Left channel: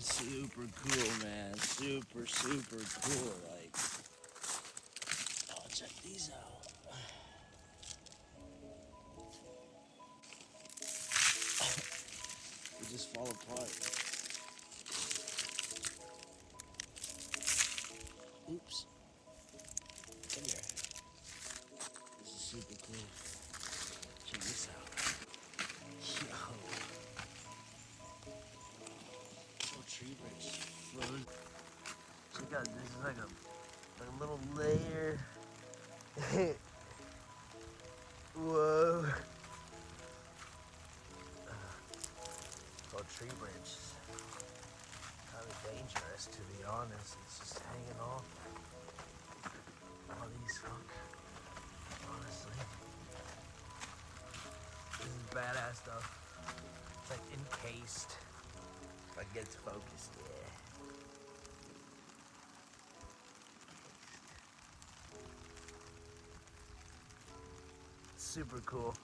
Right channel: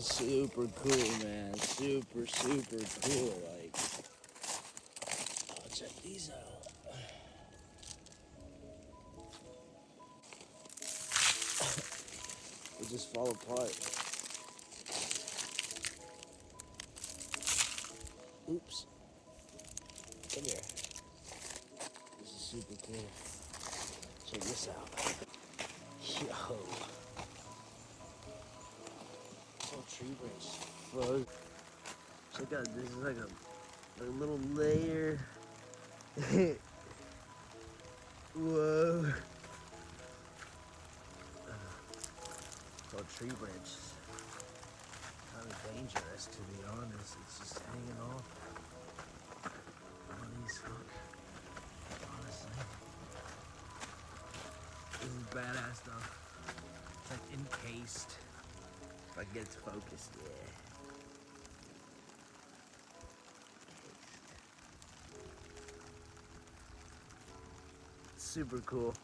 Super cool, man. Super cool. Like, oh, check these out. They just fall apart. Oops. Come here. This is super cool. Check this out. Yo. So tree branch froze. Check out, this is like a little layer. Whoa. Well, tree branches. Kind of dangerous, to be honest. It's just hanging off. All these fuck. Honestly. This is badass stuff. It's like encased. If I get focused, yeah. Super cool.